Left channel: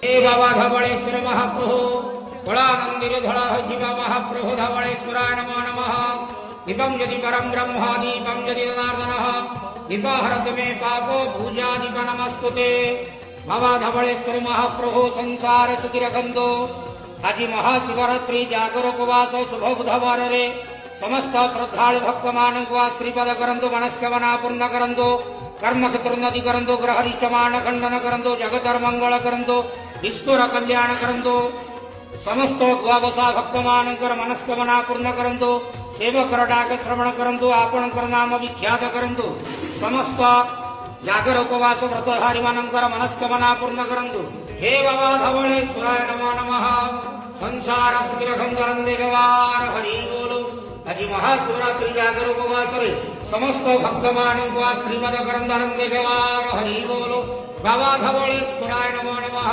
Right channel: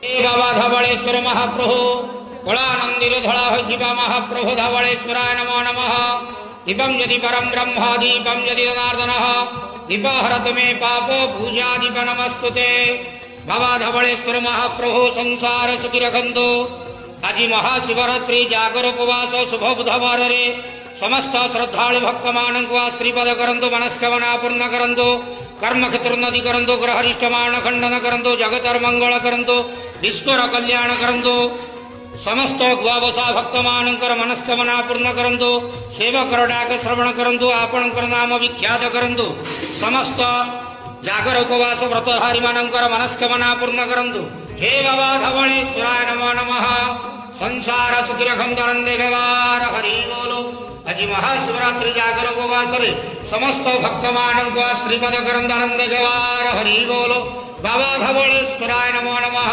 हे बाबा धवलेश्वर महाप्रभु कलानंदिर धड़ा होइथिबा महाप्रभु धवलेश्वराय नमो नमः। दीपं यदि परम ब्रह्म दीपं यदि जनार्दनः दीपहरत मे पापो पूजा दीप नमस्तुते। बाबा धवलेश्वर महाप्रभु संसार सुखी रखंतो। आज महाशिवरात्रि जागर उपवास शुभ बुधवार रे समस्त श्रद्धालु भक्त मानक श्रीपद करंतु मनस्कामना पूर्ण करंतु कर्म क्षेत्र उन्नति करंतु ग्रहरिष्ट मान खंडन करंतु जगतर मंगल करंतु विश्वर कल्याण करंतु समस्त द्वादशा भक्त मानकर मनस्कामना पूर्ण करंतु सेवक डाक श्रवण करंतु आपणकर नाम विख्यात करंतु समस्त जागर उपवास व्रतधारी मानकर मनस्कामना पूर्ण करंतु। हे बाबा धवलेश्वराय नमो नमः। संसार सुखी रखंतु नंदे गवार हरि बोलो। आज महाशिवरात्रि जागर उपवास रे समस्त भक्त मानक श्रीपद करंतु नंदे गवार हरि बोलो। बाबा धवलेश्वराय नमो नमः।